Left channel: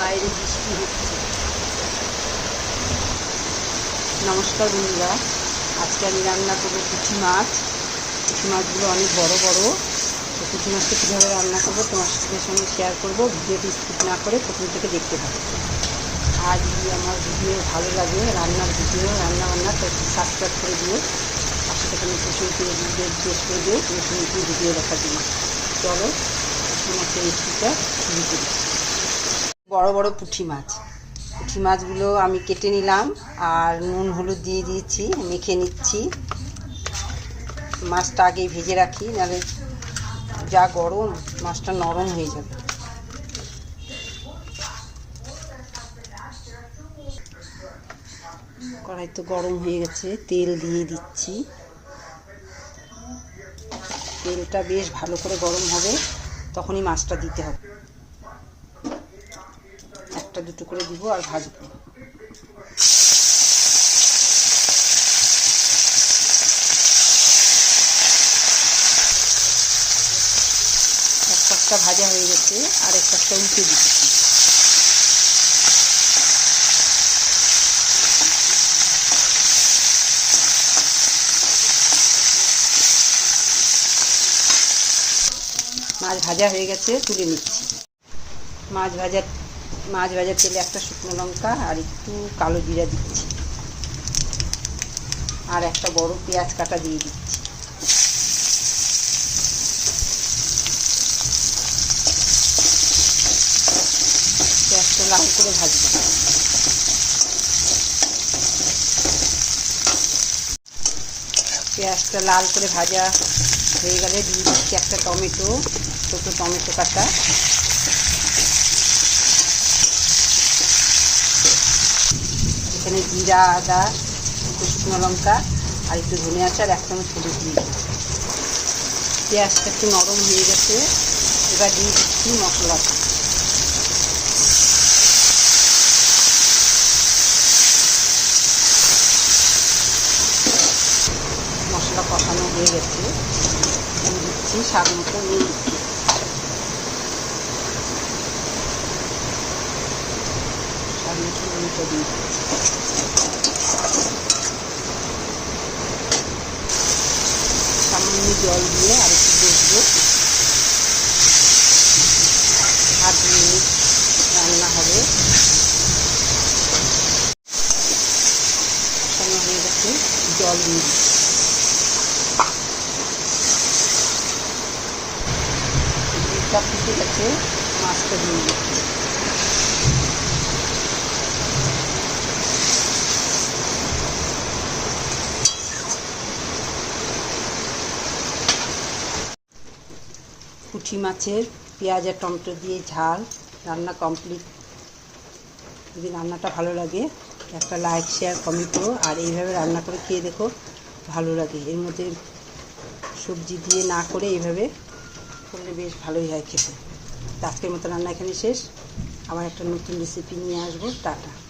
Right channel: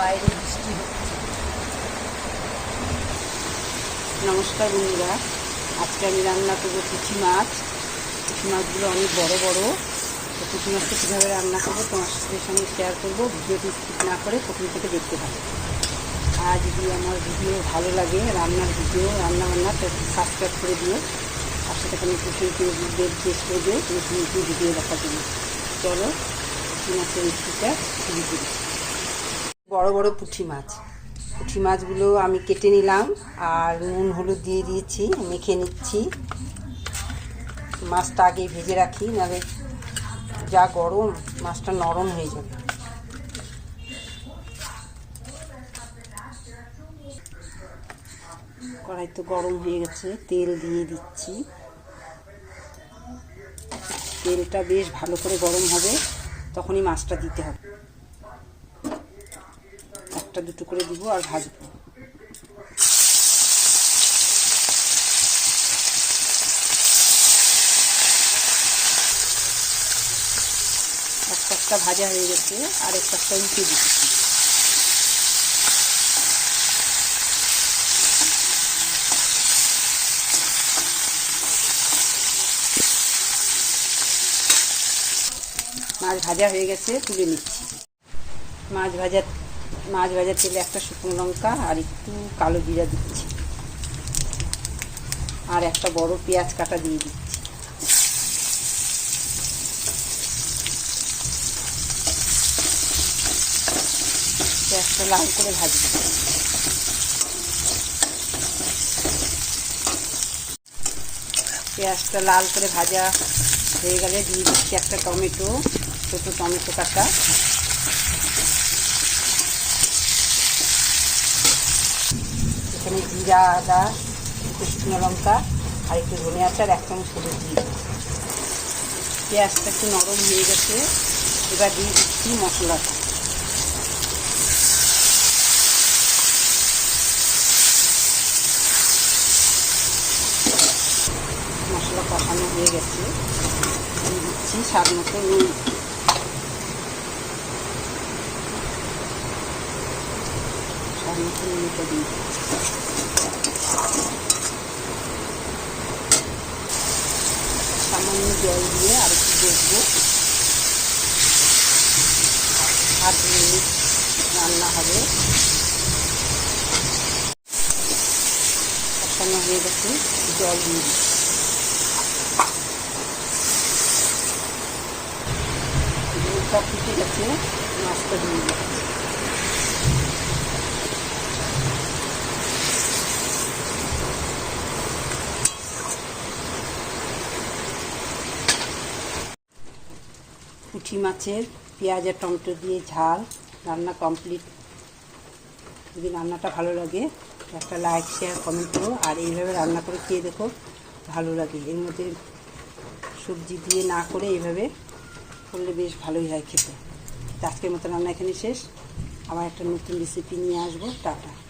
বাইরে বৃষ্টি হচ্ছে। নমস্কার বন্ধুরা, আজকে আমি রান্না করব পুঁটি মাছ। পুঁটি মাছগুলো অনেক বড় বড়। তো পুঁটি মাছটা কীভাবে রান্না করব তোমার সাথে সঙ্গে শেয়ার করব। ভিডিওটি স্কিপ না করে প্রথম থেকে দেখতে থাকো। আর যদি আমার ভিডিও ভালো লাগে, রান্নার ভিডিও রান্না বান্না তো সাবস্ক্রাইব করে দিও। আর সেটাকে নতুন ভিডিও জিজ্ঞেস করে দিও নতুন নতুন ভিডিও দেখার জন্য। চলো পুঁটি মাছের রেসিপিটা শুরু করি। বড় বড় পুঁটি মাছ। পুঁটি মাছগুলো আমি কেটে নিলাম আর নুন, হলুদ দিয়ে দিয়েছি, মেখে নিচ্ছি। মাছটা আগে ভেজে রাখি, নাহলে যা গরম মাছটা নরম হয়ে যাবে। কড়াই তো গরম হয়ে গেছে, তেল দিয়ে দিচ্ছি। তেলটা বেশ ভালো করে গরম হবে, তখনই মাছটা দিতে হবে। একটা দুটো করে দিব আর ভাজবো। একটা ভাজা হয়ে গেছে, আর একটা পাশটা উল্টে দিচ্ছি। মাছ ভাজা হয়ে গেছে, তুলে নিচ্ছি। মাছ ভাজা মাছ ভাজার তেলে একটা শুকনো লঙ্কা আর একটু কালো জিরা দিচ্ছি। আর একটা বড় পেঁয়াজ কাটা দিয়ে দিচ্ছি। পেঁয়াজটা লাল করে ভাজবো। পেঁয়াজটা লাল করে ভাজা হয়ে গেলে দিয়ে দিচ্ছি একটা টমেটো, ছোটো টমেটো কাটা। এখানে জিরা, আদা, একটু শুকনো লঙ্কা আর একটু ধনে আচার এক চামচ হলুদ দিয়ে পেঁয়াজটা একটু নরম হয়ে গেছে, এবার দিয়ে দিচ্ছি মশলাটা মশলা কষানো হয়ে গেছে। দিচ্ছি স্বাদ মতো নুন স্বাদ মতো নুনটা দিয়ে সামান্য জল দিয়ে আর একটু বসবো আট মিনিট রান্না হবে। কষানো হয়ে গেছে জল দিয়ে। দুধটা ফুটে গেছে, মাছটা দিয়ে দিচ্ছি। পুঁটি মাছের পেঁয়াজ আর টমেটো দিয়ে ঝাল, রান্না কমপ্লিট যদি রান্নাটা ভালো লাগে, একটা লাইক শেয়ার কমেন্ট করো। আর এইভাবে রান্না করে খেয়ে দেখো, ভালো লাগে। এর মধ্যে সবজি দিয়ে না করে এইভাবে করলে বেশ ভালোই হয় খেতে। আজকের মতো রান্না এখানে শেষ। আবার একটা নতুন রেসিপি নিয়ে আসব। টাটা।